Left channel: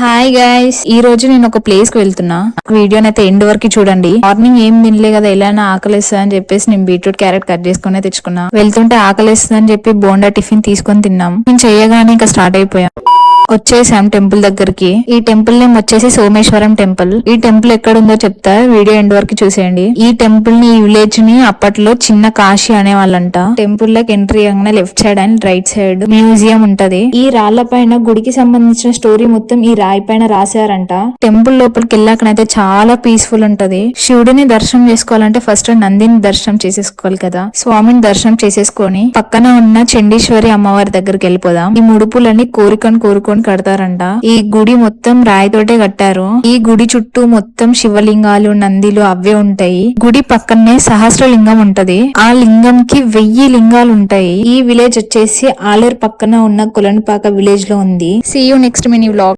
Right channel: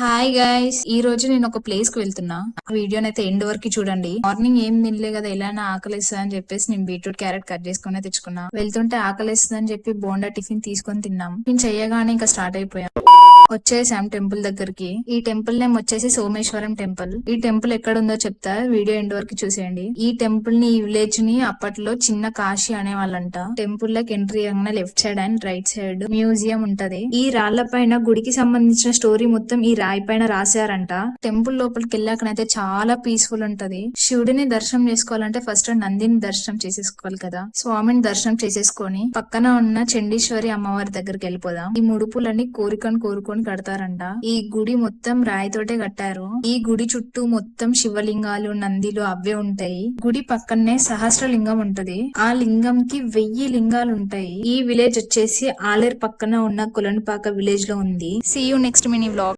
Hi guys, ఈ రోజు నేను ఒక ప్లేస్ కి వెళ్తున్నా. వీడియోనైతే ఎండ్ వరకు చూడండి. మార్నింగ్ ఏం తినలే కదా, ఎలా ఆకలిస్తుంది అని చెప్పేసి నేను బీట్రూట్ క్యారెట్ కట్ చేసుకుని తెచ్చుకున్నా. వెళ్తుంటే ఆకలిస్తుంది అని చెప్పి బోండా టిఫిన్ తీసుకొని తిన్నాం. నేను చేయగానే ఇంకా స్టార్ట్ అయిపోయాం. వచ్చేసాం టెంపుల్ దగ్గరికి. ఈ టెంపుల్ నేమ్ వచ్చేసి సోమేశ్వరం టెంపుల్. ఈ టెంపుల్ ఎక్కడ ఉందో చెప్తా, వీడియో ఎండ్ వరకు చూసేయండి. ఈ టెంపుల్ ని, ఈ విలేజ్ ని అప్పట్లో చిన్న కాశీ అనేవాళ్ళంట. టెంపుల్ లోకి ఎంట్రీ అవ్వగానే left side and right side museum ఉంటది. ఈ రాళ్ల పైన గుడికి సంబంధించిన స్టోరీ మొత్తం ఈ రాయి పైన రాశారంట. టెంపుల్ లోపలికి వెళ్ళాకనైతే చాలా పీస్ఫుల్ ఉంటది. శివుడిని దర్శనం చేసుకోవాలంటే ఫస్ట్ నందిని దర్శనం చేసేసుకోవాలి కదా. స్వామిని దర్శనం చేసేసుకొని పక్కన ఉన్న చండీశ్వరి అమ్మవారి దగ్గరికి వెళ్ళిపోదాం. ఈ ముడుపులన్నీ కోరుకొని కడతారంట. ఈ గుడి మొత్తం రాయితోటే కట్టారు. ఈ గుడి చుట్టూ మొత్తం శివలింగాలు, నందిలు అవే ఉంటాయి. గుడి పక్కనే సహస్రలింగం ఉంటది. ఆ లింగం కి 1000 లింగాలు ఉంటాయి. ఈ విలేజ్ వచ్చేసి ఆలేరు పక్కన ఉన్న కులన్పాక విలేజ్ లో ఉంది. See you next mini vlog.